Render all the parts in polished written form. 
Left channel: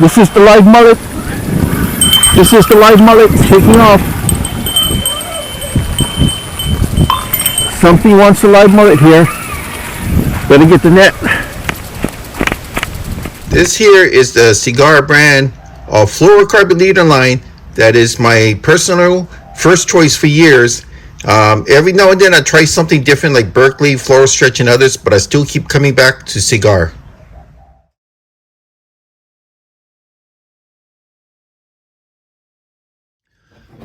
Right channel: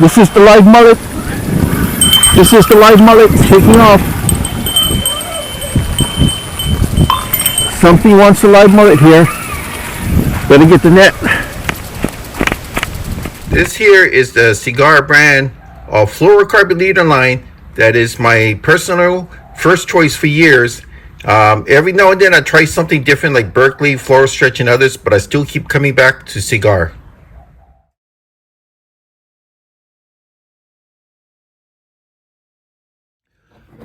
This is the live mullet. This is the live mullet taking off. Something wants a live mullet here. Better get the net. This here is the Seaguar brand of Fluorocarbon leader line. That is my personal first choice for years. Every now and then I try something different like Berkeley, Fluoro Stretch, and others, but I still keep coming back to Seaguar.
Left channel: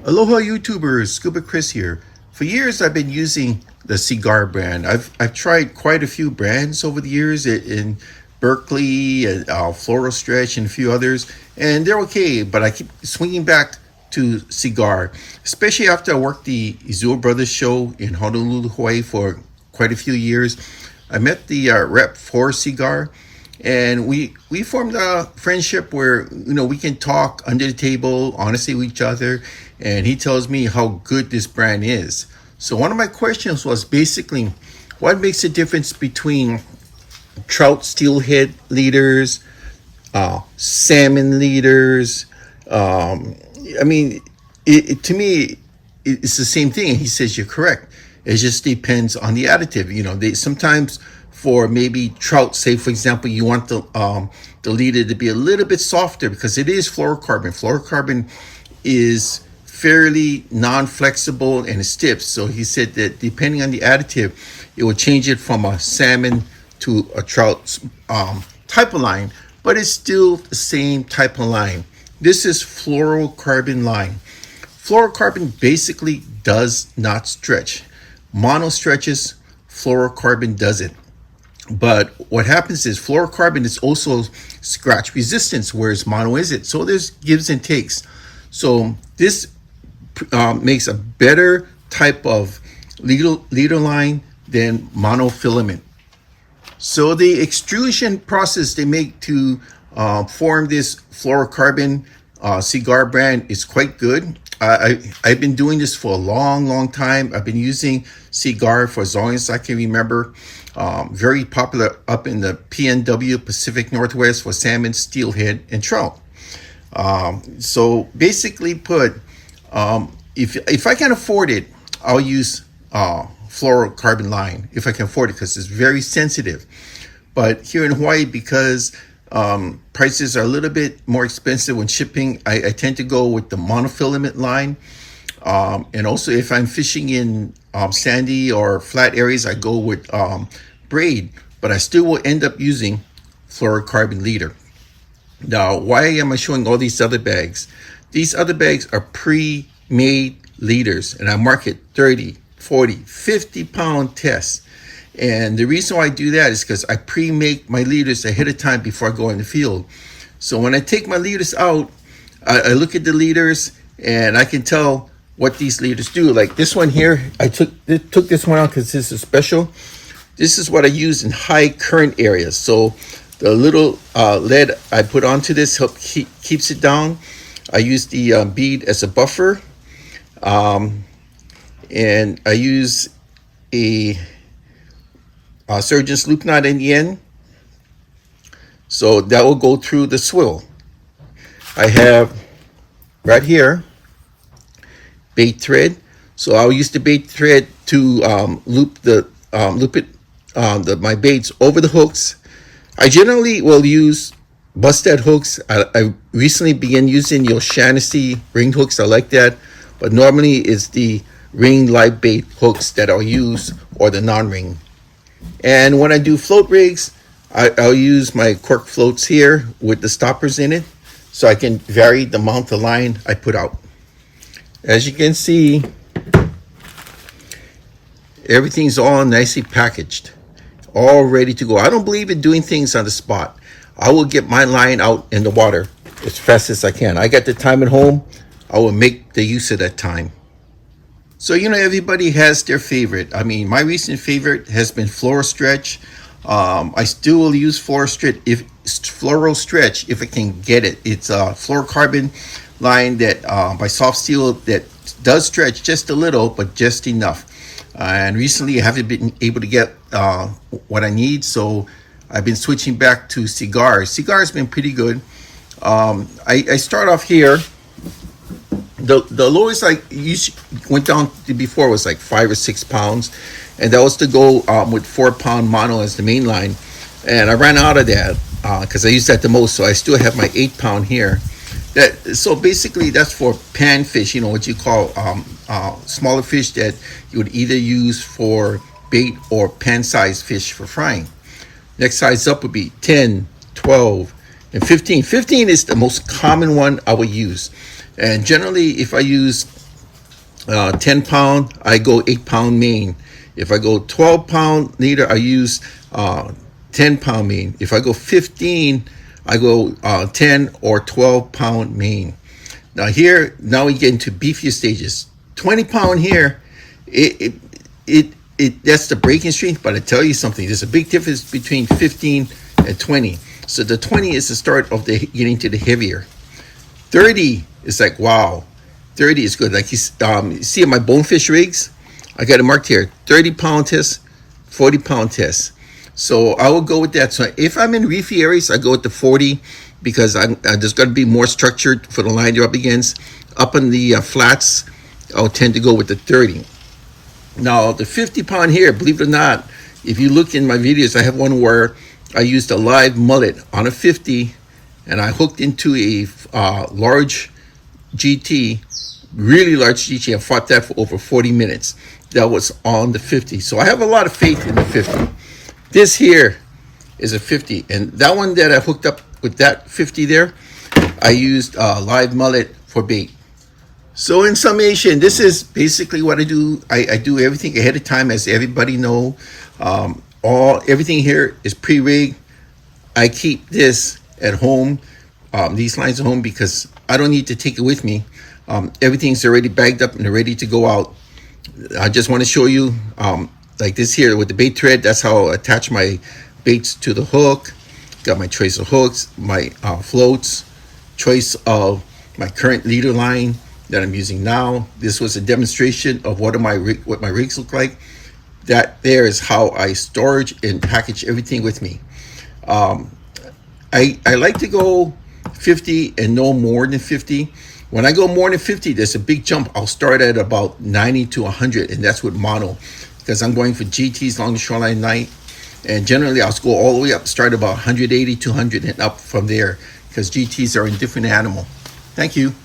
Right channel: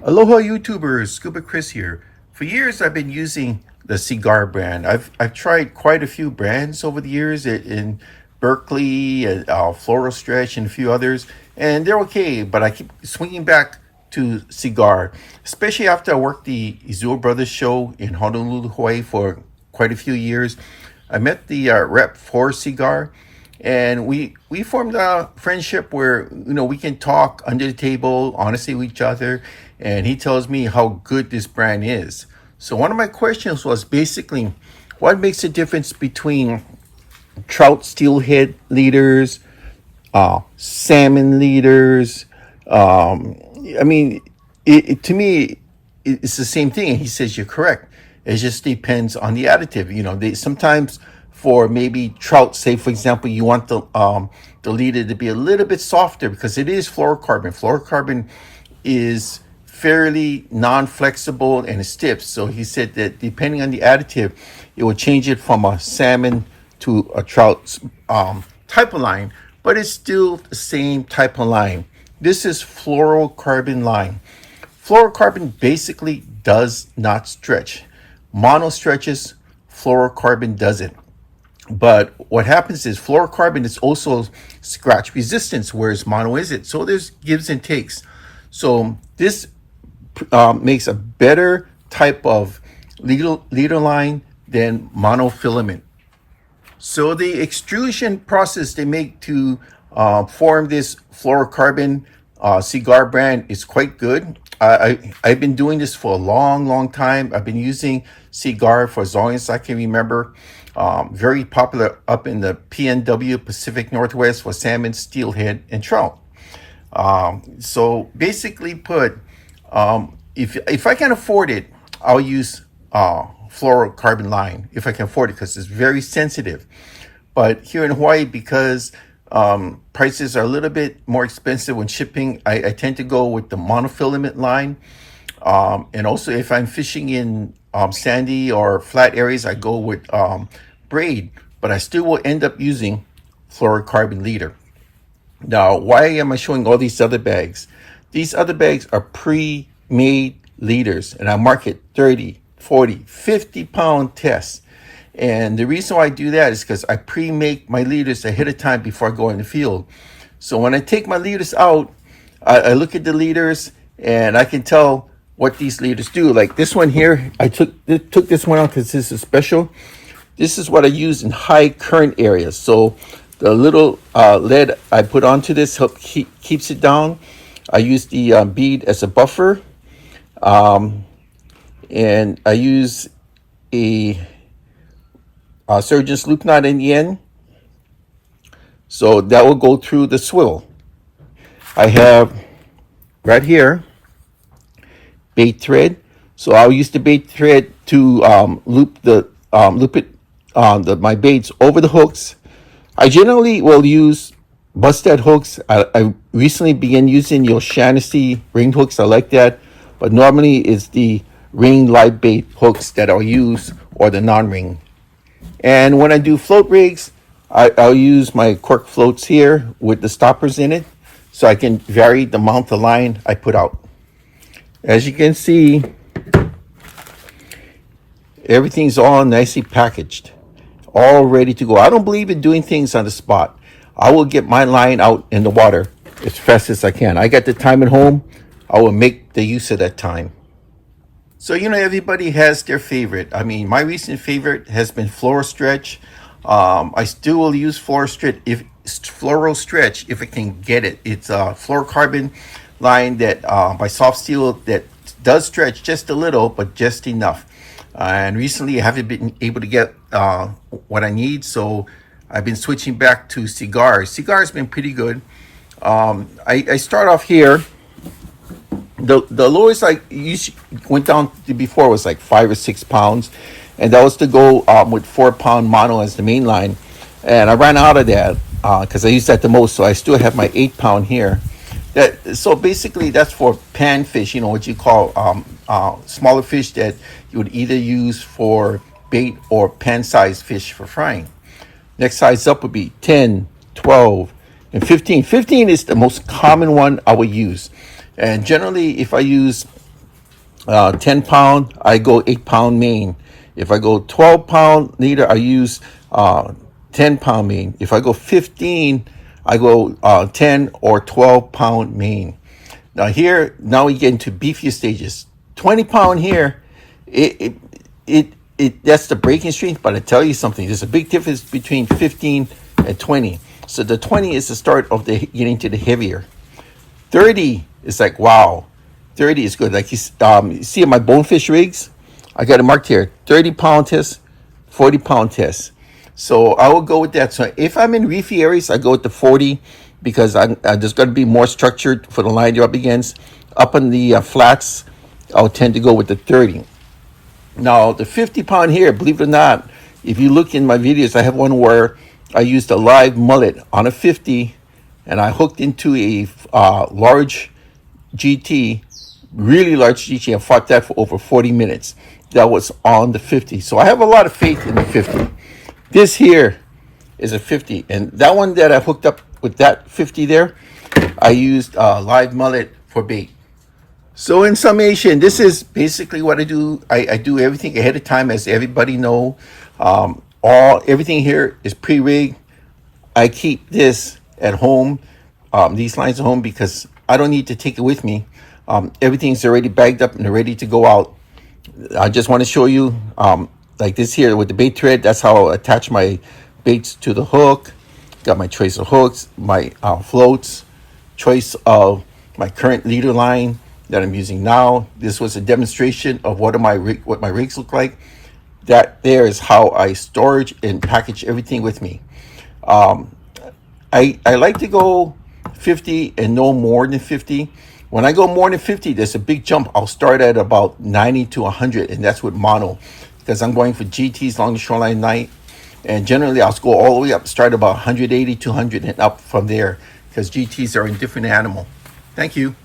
Aloha YouTubers, Scuba Chris here. For years I've been using the Seaguar brand. I've tried quite a few brands over the years in Berkeley, and Fluoro Stretch, and a few others, and they're okay, but I keep swinging back to Seaguar, especially after I worked the Izua Brothers show in Honolulu, Hawaii for quite a few years. I met the rep for Seaguar, and we formed a friendship where we can talk under the table honestly with each other, and he tells me how good this brand is. So one of my questions was basically, what makes a difference between trout steelhead leaders, salmon leaders? I mean, to me, it's the same thing. And he says, you're correct. It just depends on the additive. They sometimes for maybe trout, say for example, you want the leader to be a little bit softer because it is fluorocarbon. Fluorocarbon is fairly non-flexible and stiff. So he said that depending on the additive, it will change it from a salmon to a trout type of line, but it's still the same type of line. This is fluorocarbon line. Fluorocarbon basically does not stretch. Mono stretches, fluorocarbon doesn't. But what happens is fluorocarbon is also scratch resistance, whereas mono isn't. So there's gives and takes. So this makes a better type of leader line than monofilament. So the extrusion process they make to form this fluorocarbon Seaguar brand is quite good. I've been doing this for a long time. I've been using Seaguar for as long as I can remember. Very popular up in the PNW, Pacific Northwest, for salmon, steelhead, and trout. So basically put, if I can afford it, I'll use fluorocarbon line if I can afford it, because it's very sensitive. But here in Hawaii, because prices are a little bit more expensive when shipping, I tend to go with the monofilament line. And also if I'm fishing in sandy or flat areas, I go with braid, but I still will end up using fluorocarbon leader. Now, why am I showing all these other bags? These other bags are pre-made leaders, and I market 30, 40, 50 pound tests. And the reason why I do that is because I pre-make my leaders ahead of time before I go in the field. So when I take my leaders out, I look at the leaders and I can tell what these leaders do. Like this one here, I took this one out because this is special. This is what I use in high current areas. So the little lead I put onto this keeps it down. I use the bead as a buffer. And I use a surgeon's loop knot in the end. So that will go through the swivel. I have right here bait thread. So I'll use the bait thread to loop my baits over the hooks. I generally will use busthead hooks. I recently began using the O'Shaughnessy ring hooks. I like that, but normally it's the ring live bait hooks that I'll use, or the non-ring. And when I do float rigs, I'll use my cork floats here with the stoppers in it, so I can vary the amount of line I put out. As you can see, everything's all nicely packaged, all ready to go. I don't believe in doing things on the spot. I will get my line out in the water as fast as I can. I got the time at home. I will make the use of that time. So, everybody has their favorite. I mean, my recent favorite has been Fluoro Stretch. I still will use Fluoro Stretch if I can get it. It's a fluorocarbon line that by Soft Steel that does stretch just a little, but just enough. And recently I haven't been able to get what I need, so I've been switching back to Seaguar. Seaguar has been pretty good. I start off here. The lowest I went down to before was like 5 or 6 pounds, and that was to go with 4 pound mono as the main line, and I ran out of that because I used that the most. So I still have my 8 pound here. So basically that's for pan fish. You know what you call smaller fish that you would either use for bait or pan sized fish for frying. Next size up would be 10, 12, and 15. 15 is the most common one I would use. And generally, if I use 10 pound, I go 8 pound main. If I go 12 pound leader, I use 10 pound main. If I go 15, I go 10 or 12 pound main. Now now we get into beefier stages. 20 pound here, that's the breaking strength, but I tell you something, there's a big difference between 15 and 20. So the 20 is the start of the getting to the heavier. 30 is like, wow, 30 is good. Like you see on my bonefish rigs, I got it marked here, 30 pound test, 40 pound test. So I will go with that. So if I'm in reefy areas, I go with the 40 because I just got to be more structured for the line you're up against. Up on the flats, I'll tend to go with the 30. Now, the 50 pound here, believe it or not, if you look in my videos, I have one where I used a live mullet on a 50 and I hooked into a large GT, really large GT. I fought that for over 40 minutes. That was on the 50. So I have a lot of faith in the 50. This here is a 50. And that one that I hooked up with that 50 there, I used live mullet for bait. So in summation, this is basically what I do. I do everything ahead of time, as everybody know. Everything here is pre-rigged. I keep this at home, these lines at home, because I don't need to take it with me. Everything's already bagged up and ready to go out. I just want to show you, like this here with the bait thread. That's how I attach my baits to the hook. Got my choice of hooks, my floats, choice of my current leader line that I'm using now. This was a demonstration of what my rigs look like. That there is how I storage and package everything with me. I like to go 50 and no more than 50. When I go more than 50, there's a big jump. I'll start at about 90 to 100, and that's with mono, because I'm going for GTs, long shoreline night. And generally, I'll go all the way up, start about 180, 200, and up from there, because GTs are a different animal. Thank you.